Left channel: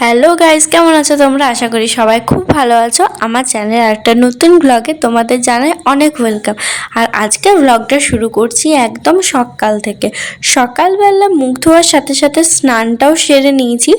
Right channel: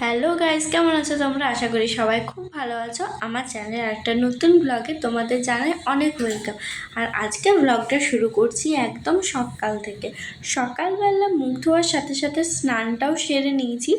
Hello guys, কেমন আছো তোমরা? আশা করি সবাই খুব ভালো আছো। আমার চ্যানেলে একটা নতুন ব্লগে তোমাদের জানাই অনেক ওয়েলকাম। আর আজকের ব্লগটা শুরু করছি একদম সকাল থেকে। সকালবেলা মুখ ধোয়ার সাথে সাথে স্নানটাও সেরে নিয়েছি,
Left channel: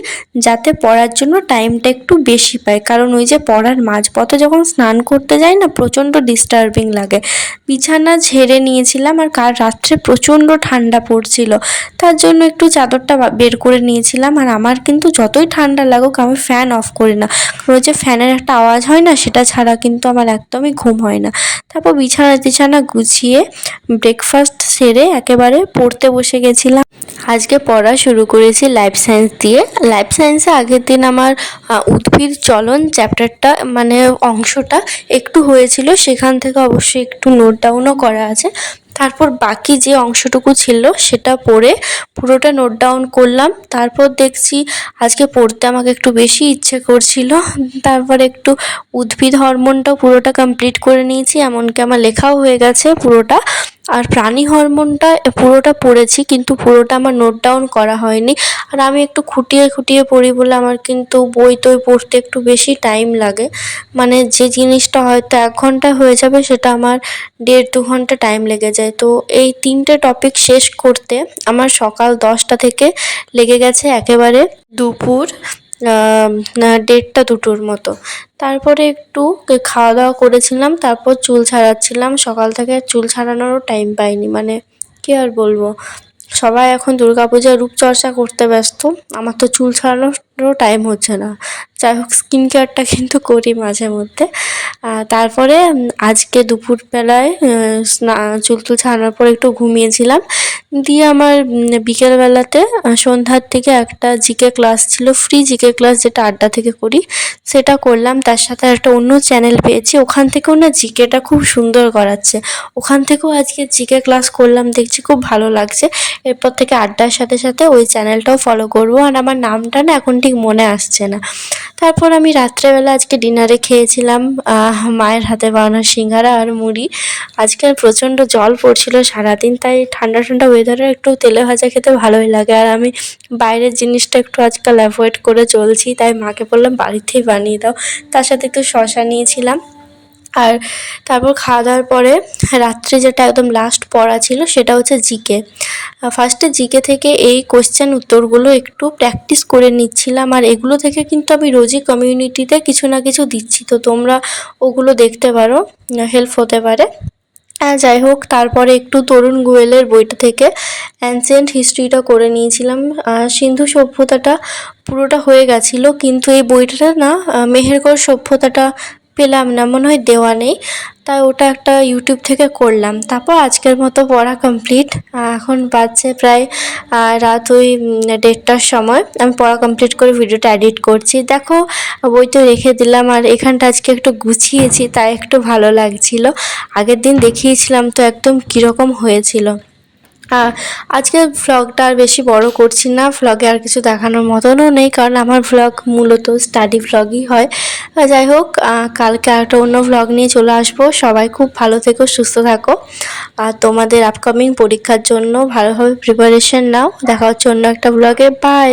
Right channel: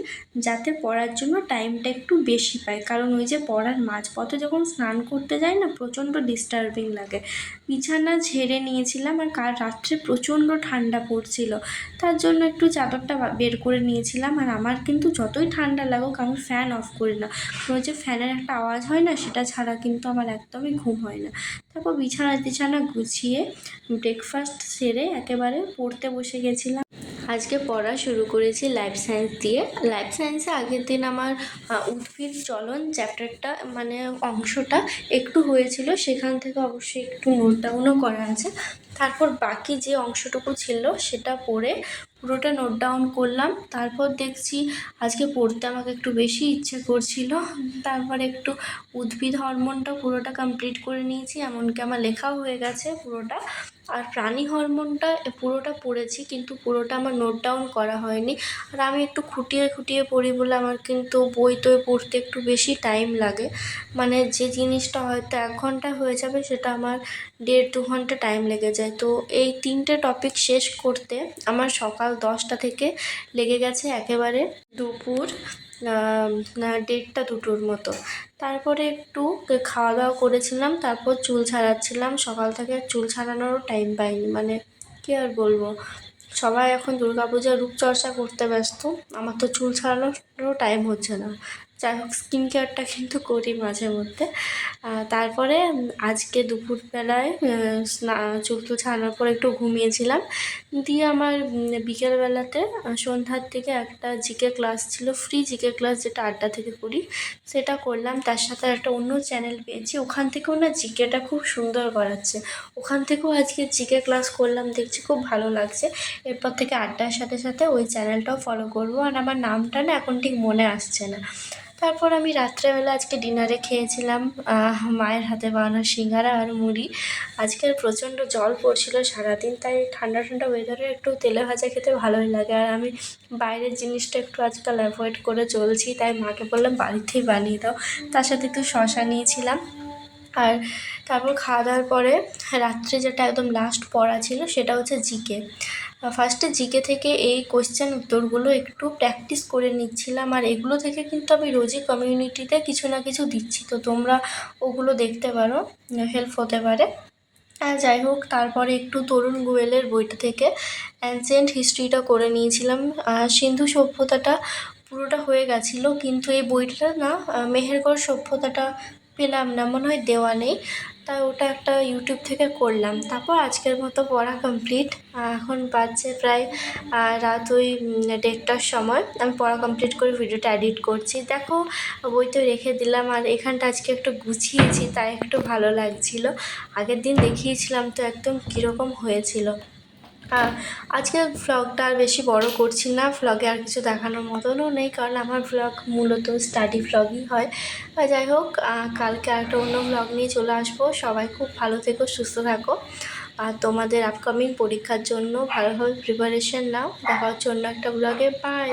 যাতে পড়ার জন্য টাইমটা একটু বেশি পাই। কারণ ওই যে পড়ার মাঝপথে যখন স্নান করতে যাই না, প্রচণ্ড ডিস্টার্বিং লাগে। বিছানা ঝেড়ে নিয়েছিলাম, আর কাল রাত্রে প্রচণ্ড ঠান্ডা পড়ছিল, তার জন্য একটু চাদরটা বের করে নিয়েছিলাম। আর আমার কিন্তু যতই ঠান্ডা লাগুক, আমি ফ্যান অফ করি না, কারণ ওই যে ফ্যানের একটা আওয়াজ হয় না, সেটা ছাড়া কিন্তু আমার একদমই ঘুম হয় না। তারপর বিছানা গুছিয়ে ব্রেকফাস্ট সেরে একেবারে পড়তে বসে গেছিলাম। আজকে পড়া শুরু করেছি লাইফ সায়েন্স দিয়ে। লাইফ সায়েন্সে আগের দিন আমার উদ্ভিদ চলন চ্যাপ্টারটা মানে অংশটা একটু হয়েছিল, সেখান থেকে অবশ্যই একটু নোট ডাউনও করা আছে। তারপর বাকি যে অংশটুকু ছিল সেটা পড়ে পুরোটা নোট ডাউন করলাম। তারপর দেখছি আজকে পড়তে আমাকে একটু বেশি ইচ্ছে করছিল, তারপর একটু উদ্ভিদ হরমোনটাও পুরোটা কমপ্লিট করে নিয়েছি, এমনকি আমার লেখাও হয়ে গেছে পুরোটা। আর প্রাণী হরমোনটা পুরোটা পড়েছি, কিন্তু পুরোটা আমার নোট ডাউন করা হয়নি। আর আমি একটু খুঁটিয়ে খুঁটিয়ে পড়ি বলে আমার কিন্তু বই টই পড়তে একটু বেশি টাইম লাগে। মানে যে জিনিসটা হয়তো 1 ঘন্টা হয়ে যাবে, সেটা আমার 1.5-2 ঘন্টা টাইম লেগে যায়। তো এই 3টে টপিক শেষ করতে আমার সকাল 10টা থেকে লেগে গেছে একেবারে দুপুর 1:30-2টোর মতো। তারপরে একটু খাওয়া দাওয়া করেছিলাম, তারপর চুল ছাড়াচ্ছিলাম। সকাল থেকে আর চুল ছাড়ানোরও টাইম পাইনি, মানে কী আর বলবো, সবাই এখন দুর্গাপূজার রূপচর্চা করতে ব্যস্ত, আমার তো চুল ছাড়ানোরও টাইম হচ্ছে না। যাই হোক, স্কিন কেয়ারটা কিন্তু করি মাঝে মধ্যে। তারপরে আজকে দুপুরবেলায় চুল টুল ছাড়ানোর পর একটু ঘুমিয়েছিলাম। দিয়ে আমার বিকেলবেলাতে সন্ধ্যার থেকে একটা জিকে ক্লাস ছিল, ফ্রি জিকে ক্লাস, যেটা আড্ডা থেকে করি, সেটা করলাম। তার সাথে একটা অন্য চ্যানেল পেয়েছি, ওখান থেকেও না জিকেটা খুব সুন্দর করাচ্ছে। ওখান থেকেও আজকে জিকে ক্লাস করলাম, দেখছি খুব ভালো লাগছে। এরপর থেকে আড্ডার সাথে সাথে ওই চ্যানেলটাও ফলো করবো। আর আমার নামটা না এখন ঠিক মনে আসছে না। তারপর আমি রাত্রেবেলা আজকে ডিনারে খেয়েছিলাম মায়ের হাতে বানানো সিঙ্গারা আর মুড়ি। আজকাল প্রচণ্ড জল পড়ছিল সারাদিন, তাই ঠান্ডা ঠান্ডা ওয়েদারে একটু তেলে ভাজা খেতে ভালোই লাগে। আর আমি বাইরের জিনিসটা একটু আজকাল অ্যাভয়েড করে চলছি, তাই মাকে বললাম বাড়িতেই বানিয়ে দাও। তার সাথে একটু শসা নিয়েছিলাম। আর তারপর খাওয়া দাওয়ার পরে রাত্রে যেটা একদম লাস্ট পড়া ছিল, সেটা হচ্ছে জিকে। ফার্স্টে জিকে থেকে এই কোশ্চেন উত্তরগুলো একটু প্র্যাকটিস করে নিচ্ছিলাম। আর এগুলো থেকে কিন্তু আমি রোজই কমিউনিটিতে কিছু না কিছু দিচ্ছি, তো তোমরা ওগুলো দেখতে পারো, হেল্প হতে পারে। যাই হোক, তারপরে একটু তরুণ গোয়েলের বইটা থেকে অ্যানসিয়েন্ট হিস্ট্রিটা করে নিয়েছিলাম। সিন্ধু সভ্যতাটা পুরোটা হয়ে গেছিলো, কিন্তু এই বইটা না মেহেরগড় সভ্যতাটা পেলাম না, মনে হয় দেওয়া নেই, তাই ওটা একটা ইউটিউব থেকে করলাম। তারপর আজকের মতো পড়া কমপ্লিট। এখন বাজছে প্রায় রাত ওই 1:30টার সময়। আমি পড়া কমপ্লিট করে ভিডিওটা এডিট করছি। দেখো, বই তো রেখে দিলাম, আর এখানটা আজকে একটু গুছিয়েছি, তাই একটু ভালো লাগছিল। আগের দিন দেখিয়েছিলাম তো একদম কীরকম হয়েছিল। আজকে ভ্লগটা আর বেশি বড় করছি না, ভ্লগে আর কিছু দেখানোর মতনও নেই, কারণ আমার ভ্লগ মূলত স্টাডি ভ্লগই হয়। যাই হোক, কালকে একটা অন্য ভ্লগ নিয়ে চলে আসবো। সবাই খুব ভালো থেকো, সুস্থ থাকো, আর তোমাদের আপকামিং পরীক্ষার জন্য ভালোভাবে প্রিপারেশন নাও। দেখা হচ্ছে অন্য একটা ভ্লগে। বাই।